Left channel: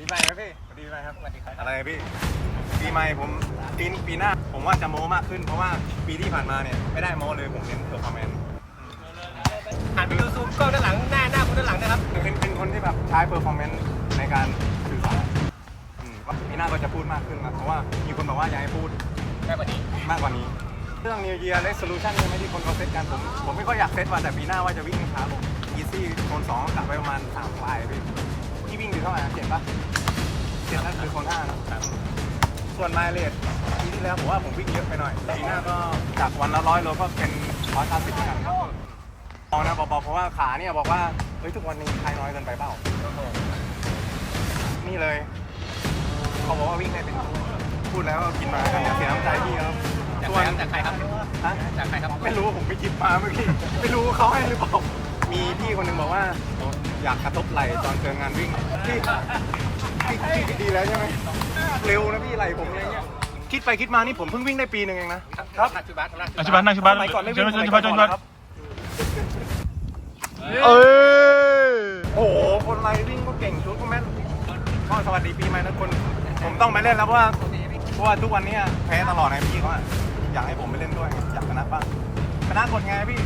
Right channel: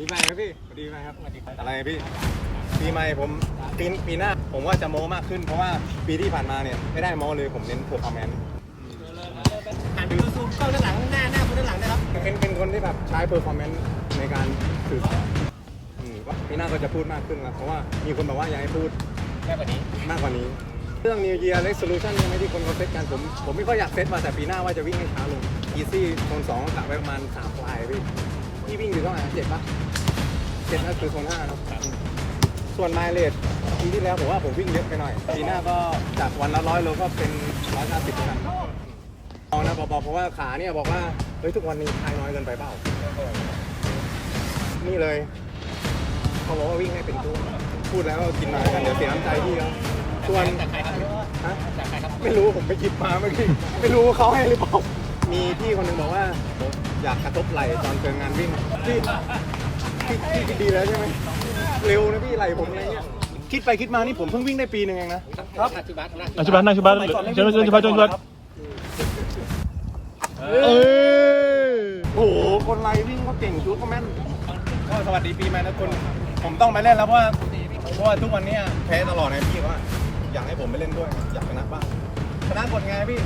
ปีใหม่ครับพี่สวัสดีปีใหม่ครับ สวัสดีครับ อะไรพี่ ปีใหม่ผมปีปีหน้าผมว่าจะโม้มากขึ้นเพราะว่าปีที่ผ่านมาเนี่ยไม่ได้โม้เลยผมเน้นเพอร์ฟอร์แมนซ์หันไปดูซูมกล้องด้านหลังหน้าหน้าคุณด้านหลังนะครับ เป็นเป็นคนที่แบบใช้เพอร์ฟอร์แมนซ์ในการสื่อสารอืมก็ปีหน้าก็จะพูดมากขึ้นแล้วเพราะว่ามีคนบอกว่าอยากให้พูดแค่กว่านี้ มากกว่านี้ เรื่อง New Year Resolution นี่ไหมที่คนเขาเซตกันผมผมไม่ค่อยอยากเซตว่าแต่ปีหน้าว่าจะวิ่งให้ช้าลง Easy โซนสองกลับไปประมาณ3ปลายพี่ พี่วิ่งอยู่เท่าไหร่นะเจ็ดปะเจ็ดนั่นคือโซนห้าเนอะส่วนไมล์เลสปีที่แล้วผมว่าผมวิ่งเยอะไปหน่อยปีหน้าก็จากวันละร้อยโลก็เป็นร้อยเก้าสิบแล้วกันเอานะบอกๆเพราะว่าขาเนี่ยบอกว่าเฮ้ยทุกวันนี้คลายน้อยเกินไปเปล่า นี่เลยเขาบอกว่าวิ่งให้เป็นตัวพูดแล้วก็กินมากันเดี๋ยวเสียน้ำใจพี่เขาส่วนจากใครครับฮะ จากใครครับ ไม่รู้ผมไปหยิบมาเมื่อกี้ ไม่รู้เขาให้หรือเปล่า มีพี่คนหนึ่งบอกว่าอยากกระทบไหล่ตอนเจองานวิ่งพี่พี่พี่คิดดีแล้วใช่ไหมเร็วนะพี่ไหล่ผมอะไรเงี้ยคิดไปคิดมานี่ผมเพิ่งวิ่งได้ปีหนึ่งเองนะครับชิบัสอาชิบันนั่งชิบันสมัยก่อนไม่วิ่งชิบันชิบันชิบันครับเออโอ้โหคนไรวิ่งก็เก่งชุดก็แม่นก็สวัสดีปีใหม่นะคนผมต้องไปเล่นแล้วเพราะว่าเพราะว่าทุกวันเนี้ยแพ้ตลอดไงพี่เขาอะอยากให้ผมไปเล่นด้วยไงอยากชนะบ้างชนะกดไงพี่